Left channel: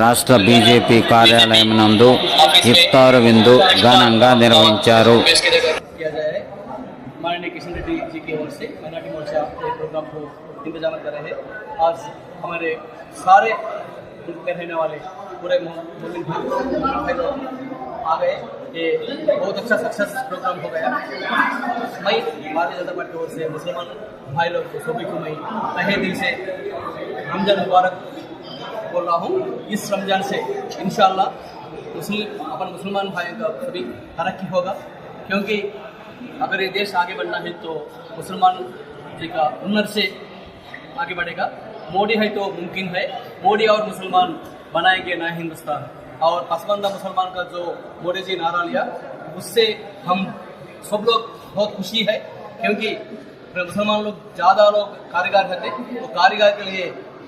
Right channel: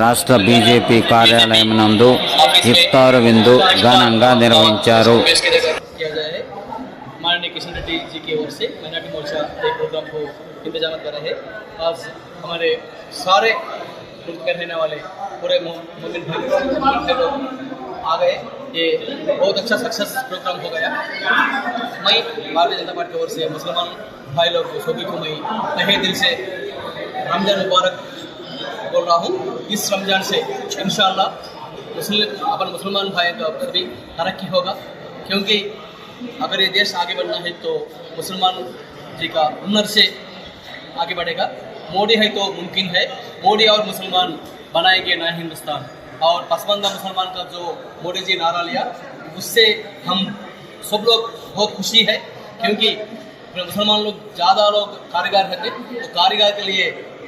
రాష్ట్ర బీజేపీ కార్యాలయం నందు ఇఫ్తార్ విందు ఘనంగా నిర్వహించారు. माननीय किशन रेड्डी जी की ओर से माइनॉरिटी मोर्चा एक प्रोग्राम को इंतजाम कर रहे हैं। आज हमारे सारे मुल्क में रहने वाले पूरे मोमिन भाई लोग आ गए। ये बहुत अच्छा सक्सेस प्रोग्राम हो गया। मैं भारतीय जनता पार्टी की ओर से मुसलमान भाई लोग को सभी को मैं तहे दिल से रमजान मुबारक बोल रहा हूँ। इस रमजान से इंशाअल्लाह अपन मुसलमान भाई का सभी तरक्की होगा, क्योंकि अगर ये देश आगे बढ़ना है तो मुसलमान जी का हुनर से आगे बढ़ेगा। मोदी है तो मुमकिन है, मोदी और मुसलमान बनाएंगे नया हिंदुस्तान। और पसमानदा मुसलमान का जो मोदी जी नारा लिया, उससे हम सब लोग बहुत खुशी है, क्योंकि मुसलमान लोग ज़्यादा लोग कारीगर रहते, तो कारीगर के लिए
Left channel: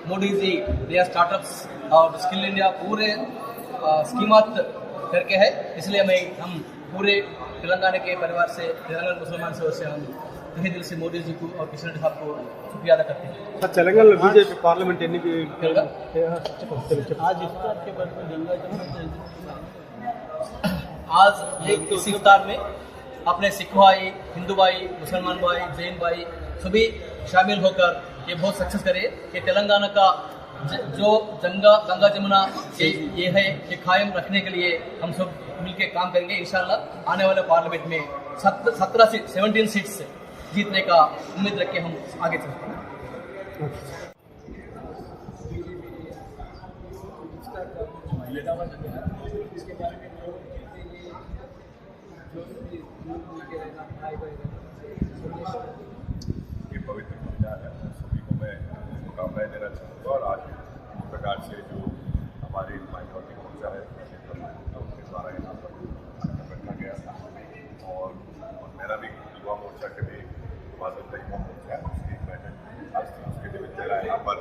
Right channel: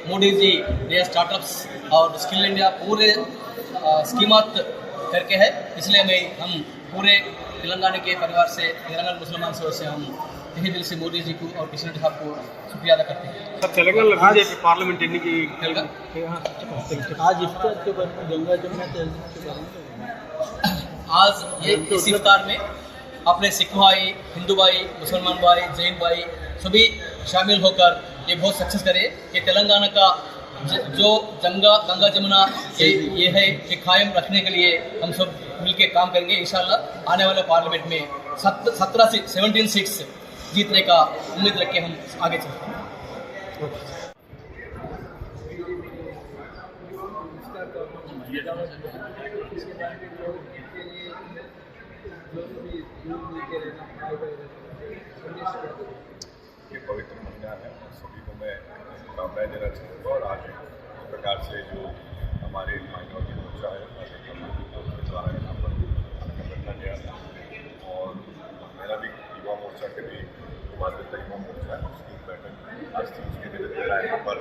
मोदी जी नया स्टार्टअप्स और स्किल इंडिया पूरे स्कीमात करके है। इसलिए हम पूरे तेलंगाना के परिवार से, तेलंगाना मुसलमान से हम तहे दिल से मोदी जी को और किशन रेड्डी साहब को शुक्रिया अदा करते हैं। सर, तेलंगाना बीजेपी पार्लियामेंट एन्निक आज इफ्तार के बाद गंगा जमुना आज ये इस इफ्तार में अपने सिख भाई, हिंदू भाई, मुसलमान भाई, जैन भाई सभी शामिल होकर ये बहुत सक्सेस करे कि तेलंगाना का जो गंगा जमुना ये है कि कायम रखने के लिए हम सब मिलकर काम करेंगे। इंशाल्लाह आने वाले पार्लियामेंट में 17 सीट्स जीतने का उम्मीद रख के हम आगे चलते हैं। ये पवित्र महीना है और सभी को मैं शुभकामनाएं देना चाहूँगा। और आज इस प्रकार से जो हमारे माइनॉरिटी मोर्चा है उसके द्वारा यहाँ पर कार्यक्रम रखा गया था, और मेरा भी युवा मोर्चा के भी बाध्यता युवा मोर्चा है उसकी एक बैठक आज थी। उसके निमित्त मेरा यहाँ पर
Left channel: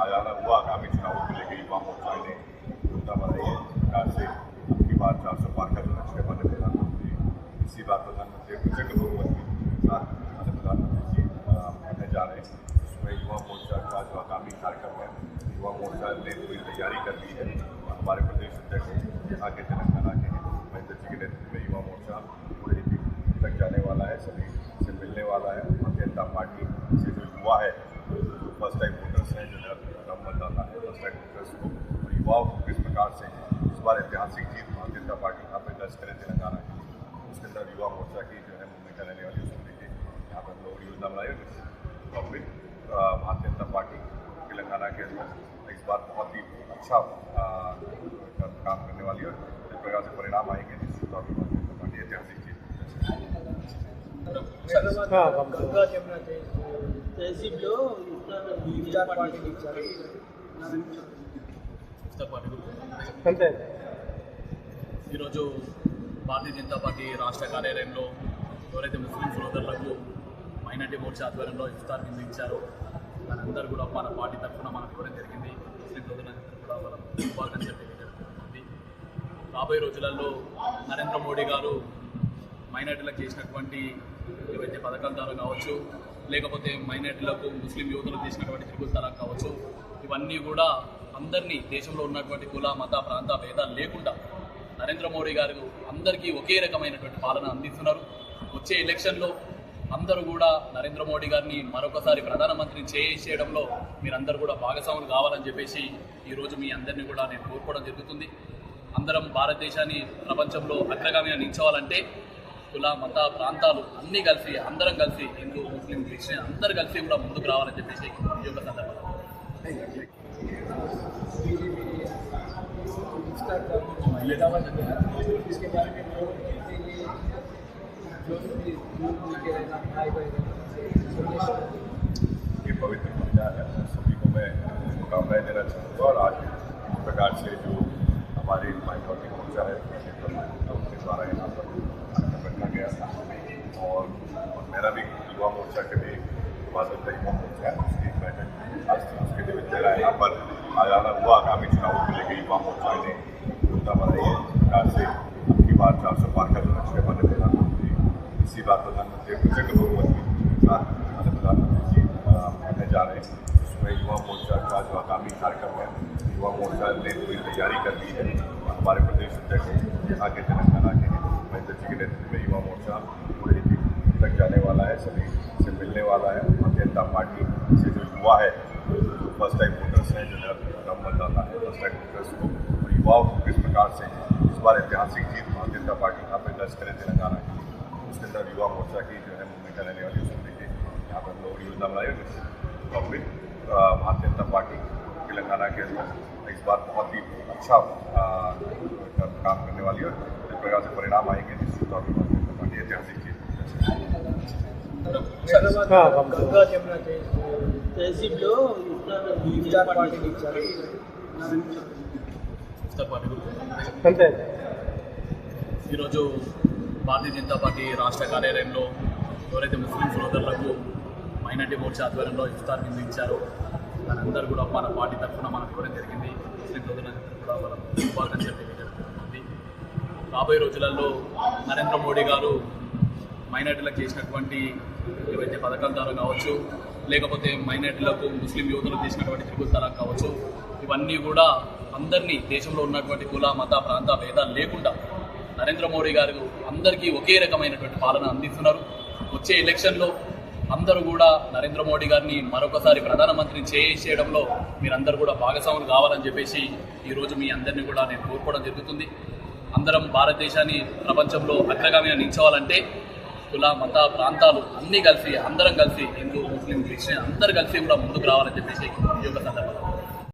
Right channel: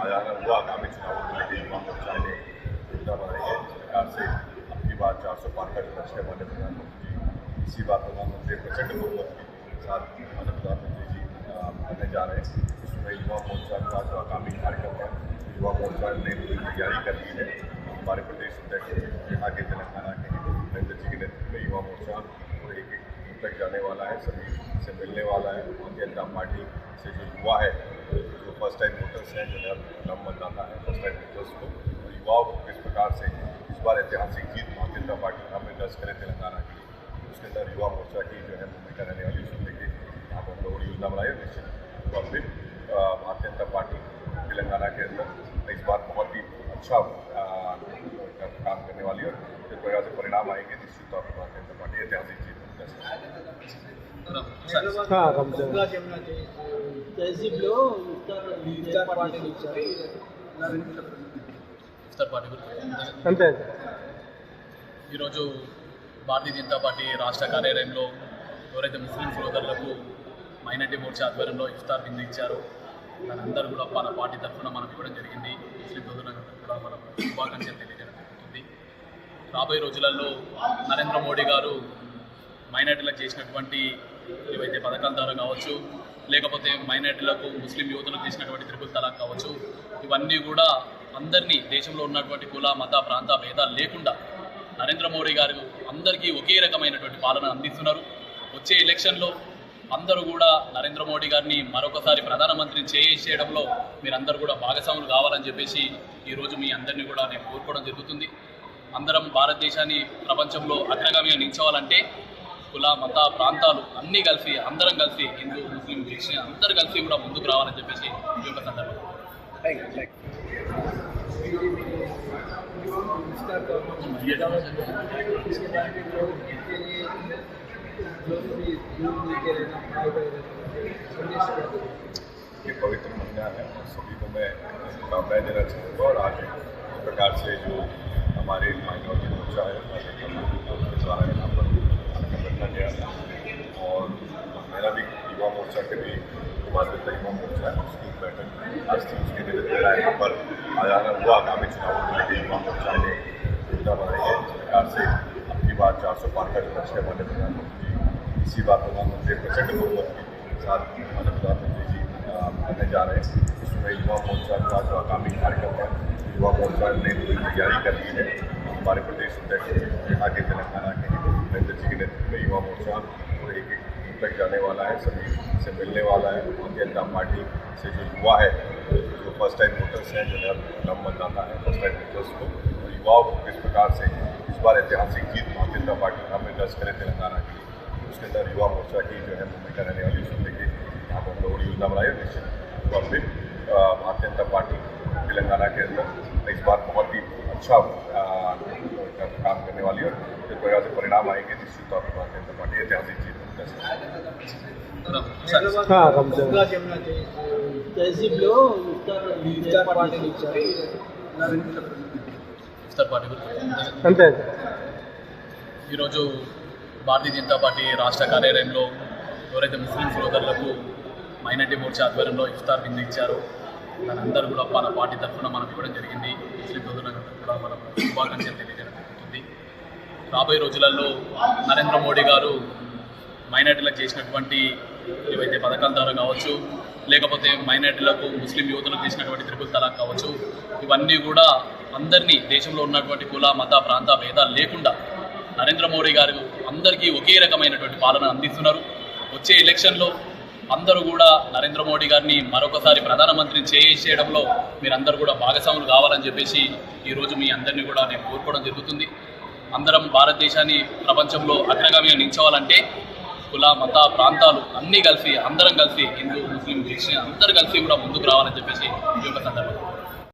आ जाना हुआ। आगामी चुनावों को लेकर युवा मोर्चा ने योजना बनाई है। इस प्रकार से अब की बार 400 पार का जो लक्ष्य हमारे प्रधानमंत्री, इसी बार प्रधानमंत्री प्रचंड बहुमत के साथ हमारे प्रधानमंत्री जी करने जा रहे हैं। इसमें युवा मोर्चा का जो आगामी कार्यक्रम है, युवा मोर्चा ने पूरी तैयारी कर ली है। हमारे प्रदेश अध्यक्ष यहाँ के तेलंगाना के महेंद्र जी के नेतृत्व में युवा मोर्चा पूरे एक तक जाने वाला है, सभी से मिलने वाला है। भारतीय जनता पार्टी से जो युवा है, जो फर्स्ट टाइम वोटर्स हैं, जो नम मतदाता है फर्स्ट टाइम वोटर्स को, और युवाओं को किस प्रकार से इस बार ऐतिहासिक जीत भारतीय जनता पार्टी यहाँ पर दर्ज करे तेलंगाना की, उसके अंदर युवा मोर्चा की जो है भूमिका रहने वाली उसको लेकर यहाँ पर हम लोगों ने योजना बनाई। निश्चित तौर पर भारतीय जनता पार्टी तेलंगाना के अंदर इस बार बहुत ही अच्छा काम करने वाली है, और जिस प्रकार से परिणाम आएंगे निश्चित तौर पर भारतीय जनता पार्टी ऐतिहासिक जीत गंगा जमुना तहसीबలో ఇఫ్తార్ పార్టీ అంతే. ఈరోజు భారతీయ జనతా పార్టీ రాష్ట్ర కార్యాలయంలో ఎవరైతే ముస్లిం సోదరులకు మైనారిటీ మోర్చా ఆధ్వర్యంలో ఇఫ్తార్ విందు ఇచ్చారో దానందరూ కూడా మన పార్టీ తరఫున మనం ఇవ్వడం జరిగింది. ముస్లిం సోదరులందరూ కూడా మనం శుభాకాంక్షలు తెలియజేయడం జరుగుతుంది. రాబోయే రోజులలో నరేంద్ర మోడీ గారు మైనారిటీలకు చేసినటువంటి ఏవైతే పథకాల ద్వారా కావచ్చు, లేకపోతే మైనారిటీలకు ముస్లిం యువతలకు చేసినటువంటి త్రిపుల్ తలాక్ కావచ్చు, ఇవన్నీ కూడా అందరినీ దేశంలో ఉన్నటువంటి కుల మత ప్రాంత భేదాలు లేకుండా నరేంద్ర మోడీ గారు అందరికీ ఒకే రకమైనటువంటి పాలన అందిస్తున్నారు. వచ్చే ఎలక్షన్లో అందరూ కూడా నరేంద్ర మోడీ గారిని మరొకసారి ప్రధానమంత్రిని చేయడంలో మీరందరూ కూడా భాగస్వాములు కావాలని చెప్పేసి ఈరోజు మీ అందరినీ కూడా నేను కోరుకోవడం జరుగుతుంది. అందరం భారతదేశాన్ని ప్రపంచంలో అగ్రగామిగా నిలిచోవాలంటే కుల మత ప్రాంతాలు అన్నీ కలిసి, అందరం కలిసి, హిందూ ముస్లిం క్రిస్టియన్ అందరూ కలిసి కూడా ముందుకు రావాలని చెప్పేసి ఈ యొక్క సందర్భంలో ये पवित्र महीना है और सभी को मैं शुभकामनाएं देना चाहूँगा। और आज इस प्रकार से जो हमारे माइनॉरिटी मोर्चा है उसके द्वारा यहाँ पर कार्यक्रम रखा गया था, और मेरा भी युवा मोर्चा के भी बाध्यता युवा मोर्चा है उसकी एक बैठक आज थी। उसके निमित्त मेरा यहाँ पर आ जाना हुआ। आगामी चुनावों को लेकर युवा मोर्चा ने योजना बनाई है। इस प्रकार से अब की बार 400 पार का जो लक्ष्य हमारे प्रधानमंत्री, इसी बार प्रधानमंत्री प्रचंड बहुमत के साथ हमारे प्रधानमंत्री जी करने जा रहे हैं। इसमें युवा मोर्चा का जो आगामी कार्यक्रम है, युवा मोर्चा ने पूरी तैयारी कर ली है। हमारे प्रदेश अध्यक्ष यहाँ के तेलंगाना के महेंद्र जी के नेतृत्व में युवा मोर्चा पूरे एक तक जाने वाला है, सभी से मिलने वाला है। भारतीय जनता पार्टी से जो युवा है, जो फर्स्ट टाइम वोटर्स हैं, जो नम मतदाता है फर्स्ट टाइम वोटर्स को, और युवाओं को किस प्रकार से इस बार ऐतिहासिक जीत भारतीय जनता पार्टी यहाँ पे दर्ज करे तेलंगाना के लिए, उसके अंदर युवा मोर्चा की जो है भूमिका रहने वाली, उसको लेके यहाँ पर हम लोगों ने योजना बनाई और निश्चित तौर पर भारतीय जनता पार्टी तेलंगाना के अंदर इस बार बहुत ही अच्छा काम करने वाली है और जिस प्रकार से परिणाम आएंगे निश्चित तौर पर भारतीय जनता पार्टी ऐतिहासिक जीत తహసీబ్లో ఇఫ్తార్ పార్టీలు ఇచ్చారు. ఇఫ్తార్ పార్టీ గురించి అంతే. ఈరోజు భారతీయ జనతా పార్టీ రాష్ట్ర కార్యాలయంలో ఎవరైతే ముస్లిం సోదరులకు మైనార్టీ మోర్చా ఆధ్వర్యంలో ఇఫ్తార్ విందు ఇచ్చారో దాని అందరూ కూడా మన పార్టీ తరఫున మనం ఇవ్వడం జరిగింది. ముస్లిం సోదరులందరూ కూడా మనం శుభాకాంక్షలు తెలియజేయడం జరుగుతుంది. రాబోయే రోజులలో నరేంద్ర మోడీ గారు మైనార్టీలకు చేసినటువంటి ఏవైతే పథకాల ద్వారా కావచ్చు, లేకపోతే మైనార్టీలకు ముస్లిం యువతులకు చేసినటువంటి త్రిపుల్ తలాక్ కావచ్చు, ఇవన్నీ కూడా అందరినీ దేశంలో ఉన్నటువంటి కుల మత ప్రాంత భేదాలు లేకుండా నరేంద్ర మోడీ గారు అందరికీ ఒకే రకమైనటువంటి పాలన అందిస్తున్నారు. వచ్చే ఎలక్షన్లో అందరూ కూడా నరేంద్ర మోడీ గారిని మరొకసారి ప్రధానమంత్రిని చేయడంలో మీరందరూ కూడా భాగస్వాములు కావాలని చెప్పేసి ఈరోజు మీ అందరినీ కూడా నేను కోరుకోవడం జరుగుతుంది. అందరం భారతదేశాన్ని ప్రపంచంలో అగ్రగామిగా నిలిచోవాలంటే కుల మత ప్రాంతాలు అన్నీ కలిసి అందరం కలిసి హిందూ ముస్లిం క్రిస్టియన్ అందరూ కలిసి కూడా ముందుకు రావాలని చెప్పేసి ఈ యొక్క సందర్భంగా